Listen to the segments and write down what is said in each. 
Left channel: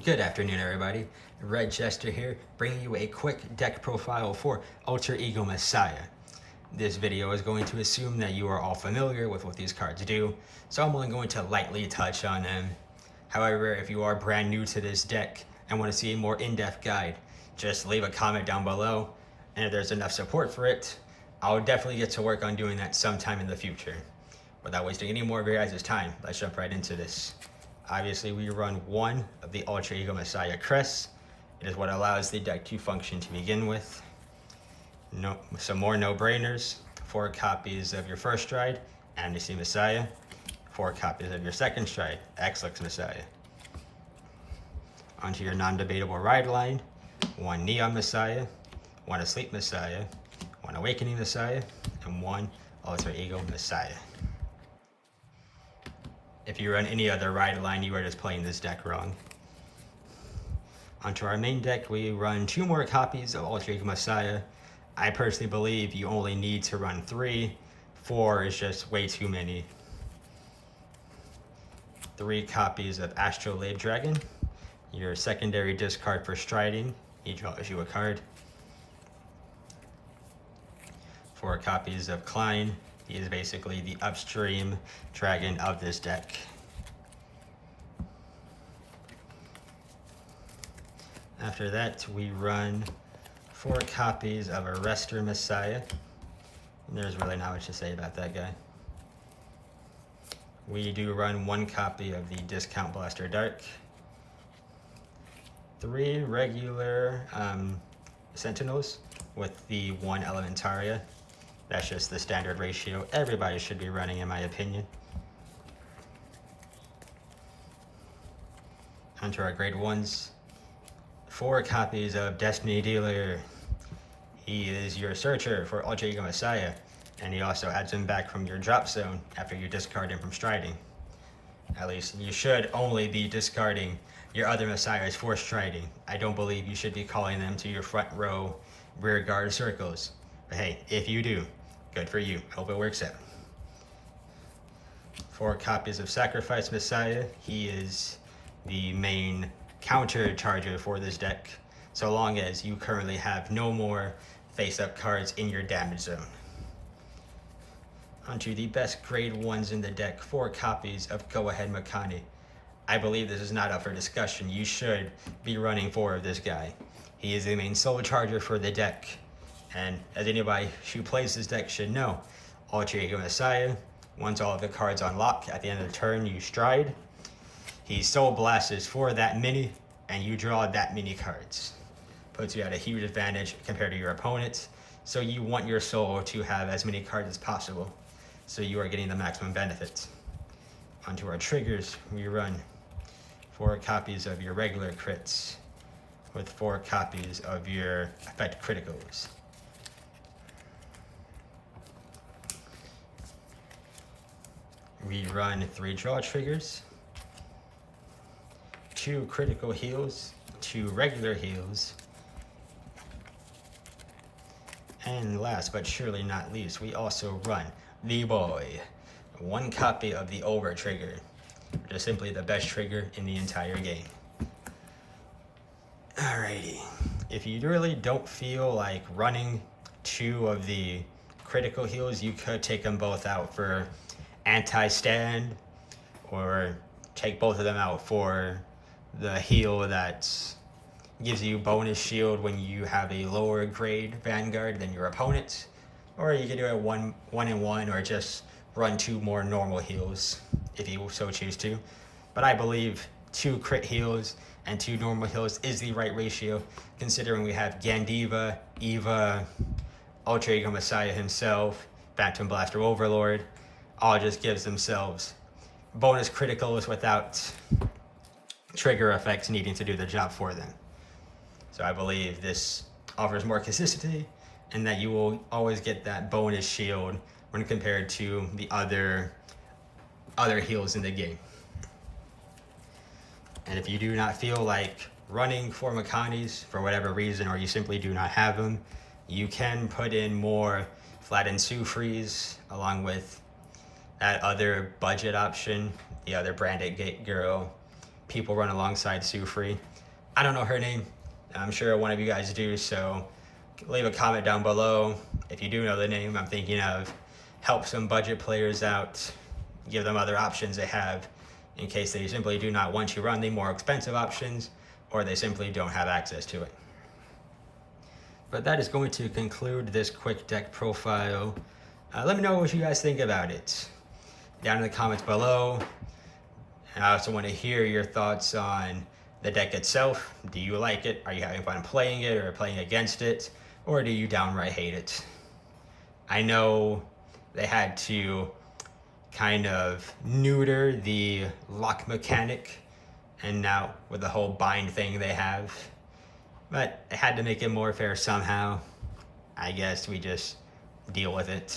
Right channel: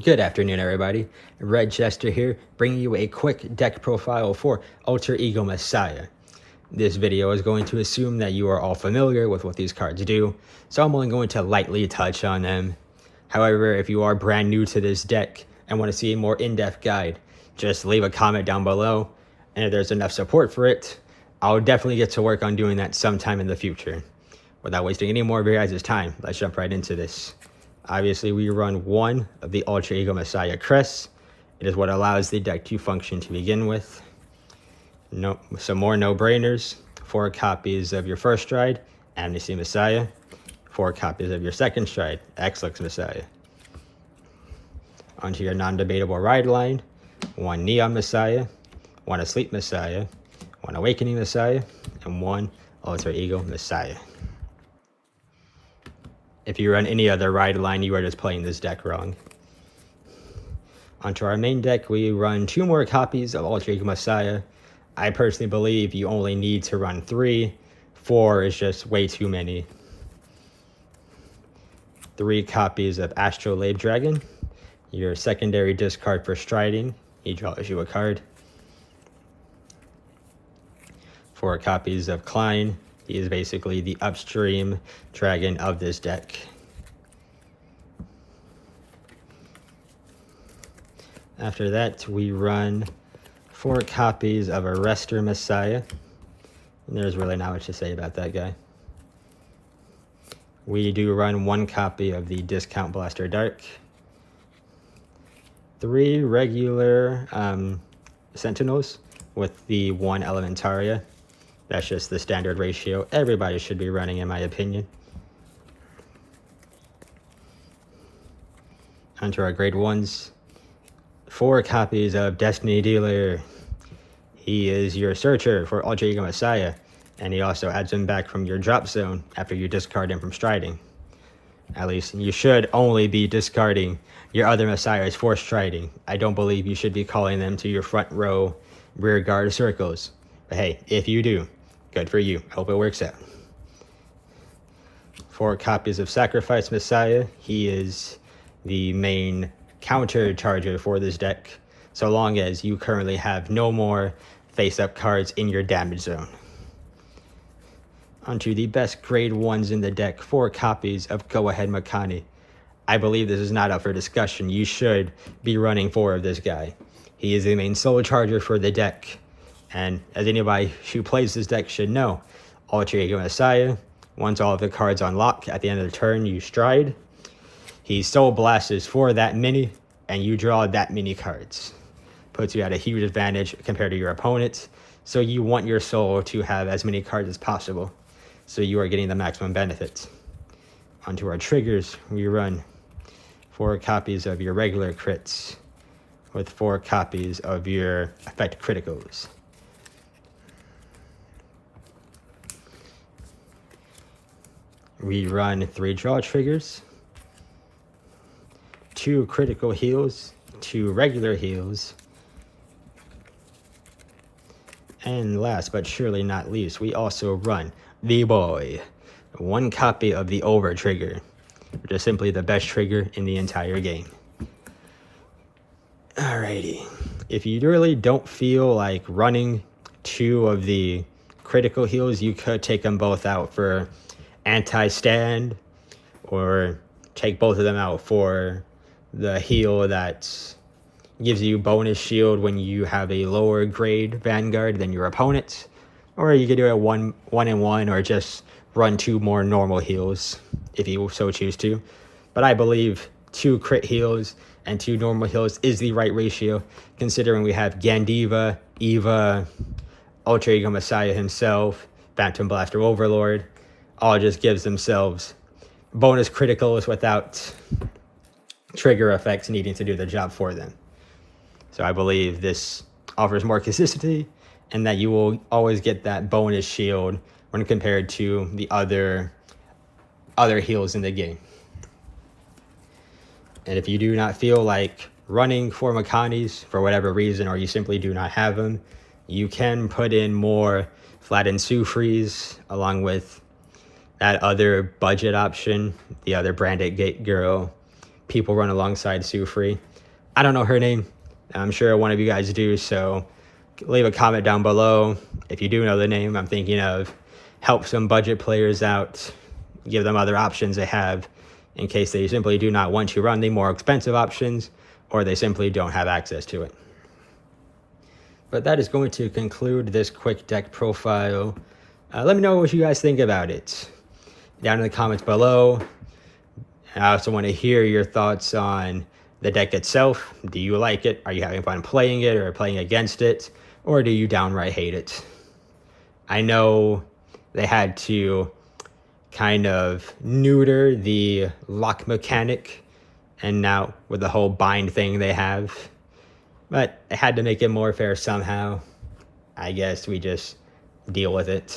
Good afternoon, everybody. Red Chester here, bringing you a quick deck profile for Alter Ego Messiah. This video is going to assume that you are all familiar with what these cards do, so I'm only going to lightly touch on them. However, if you are brand new to this deck and want to see a more in-depth guide, just leave a comment down below, and if there's enough support for it, I'll definitely get to work on doing that sometime in the future. Without wasting any more of your guys' time, let's jump right into this. Obviously, we run one of the Alter Ego Messiah crests. It is what allows the deck to function to begin with. Some more no-brainers. 4 copies of your first stride, Amnesty Messiah. 4 copies of your second stride, X-Lux Messiah. Onto your non-debatable ride line. 1 Neon Messiah, 1 Asleep Messiah, 1 Awakening Messiah, and 1 Alter Ego Messiah. If you run any other ride line, you are just playing this deck wrong. Onto our main deck, we run 2 more copies of Alter Ego Messiah. I personally believe you only need to run 3. 4 is just way too many. 3 copies of Astrolabe Dragon. Your secondary discard for striding. He draws you a card. 4 copies of Klein. He is basically the upstream dragon of this deck. After that, we run 4 copies of Arrestor Messiah. And there's really not much to say about that guy. We do run 1 copy of the Discount Blaster Dark. 3 regular Sentinels with the 1 Elementaria. That's just the standard ratio everybody should be running, in my opinion. Onto our grade 1s. 4 copies of Destiny Dealer. He is your searcher for Alter Ego Messiah, and he also adds him back from your drop zone after you discard him from striding. At least you should only be discarding your other Messiahs for striding. I don't believe you should be calling them to your front row rear guard circles. But hey, if you do, good for you. Hope it works out. 4 copies of Sacrifice Messiah. He is the main counter charger for this deck, so long as you currently have no more face-up cards in your damage zone. Onto the best grade 1s in the deck, 4 copies of Go Ahead Makani. I believe this is not up for discussion. You should be running 4 of this guy. He is the main soul charger for the deck. And as anybody who plays this deck should know, Alter Ego Messiah, once all of the cards unlock at the end of the turn, you stride. He soul blasts for that many, and you draw that many cards. Puts you at a huge advantage compared to your opponent. So you want your soul to have as many cards as possible, so you are getting the maximum benefit. Onto our triggers, we run 4 copies of your regular crits with 4 copies of your effect criticals. We run 3 draw triggers, 2 critical heals, 2 regular heals, and last but surely not least, we also run the boy, 1 copy of the over trigger, which is simply the best trigger in the entire game. Alrighty, if you really don't feel like running 2 of the critical heals, you could take them both out for anti-stand, or take both of them out for the heal that gives you bonus shield when you have a lower grade Vanguard than your opponent. Or you could do it 1-1, or just run 2 more normal heals if you so choose to. But I believe 2 crit heals and 2 normal heals is the right ratio, considering we have Gandiva, Eva, Alter Ego Messiah himself, Phantom Blaster Overlord, all just gives themselves bonus criticals without trigger effects needing to do the job for them. So I believe this offers more consistency, and that you will always get that bonus shield when compared to the other heals in the game. And if you do not feel like running 4 Makanis for whatever reason, or you simply do not have them, you can put in more Flattened Sufris along with that other budget option, the other Branded Gate Girl, people run alongside Sue Free. I don't know her name. I'm sure one of you guys do, so leave a comment down below if you do know the name I'm thinking of. Help some budget players out, give them other options they have in case they simply do not want to run the more expensive options or they simply don't have access to it. But that is going to conclude this quick deck profile. Let me know what you guys think about it down in the comments below. I also want to hear your thoughts on the deck itself. Do you like it? Are you having fun playing it or playing against it? Or do you downright hate it? I know they had to kind of neuter the lock mechanic, and now with the whole bind thing they have, but it had to make it more fair somehow. I guess we just deal with it.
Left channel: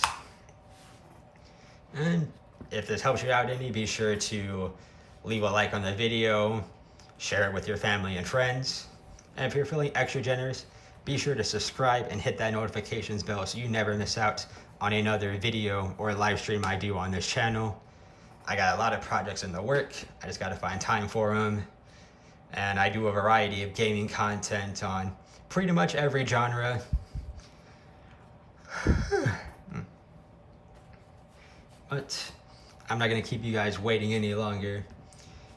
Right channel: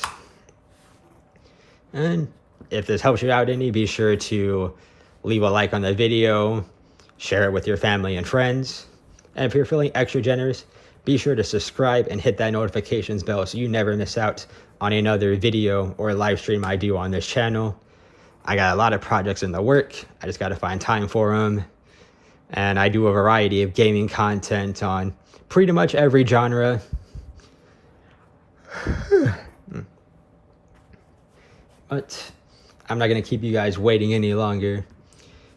And if this helps you out any, be sure to leave a like on the video, share it with your family and friends, and if you're feeling extra generous, be sure to subscribe and hit that notifications bell so you never miss out on another video or live stream I do on this channel. I got a lot of projects in the work. I just got to find time for them. And I do a variety of gaming content on pretty much every genre. But I'm not going to keep you guys waiting any longer.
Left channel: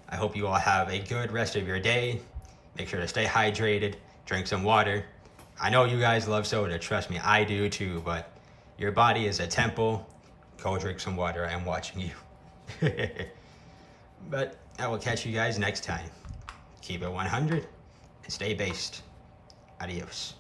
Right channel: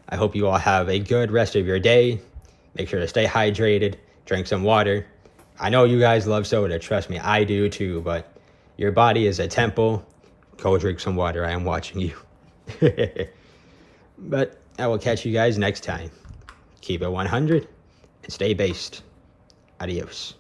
I hope you all have a good rest of your day. Make sure to stay hydrated, drink some water. I know you guys love soda, trust me, I do too, but your body is a temple. Go drink some water, I am watching you. But I will catch you guys next time. Keep it 100 and stay based. Adios.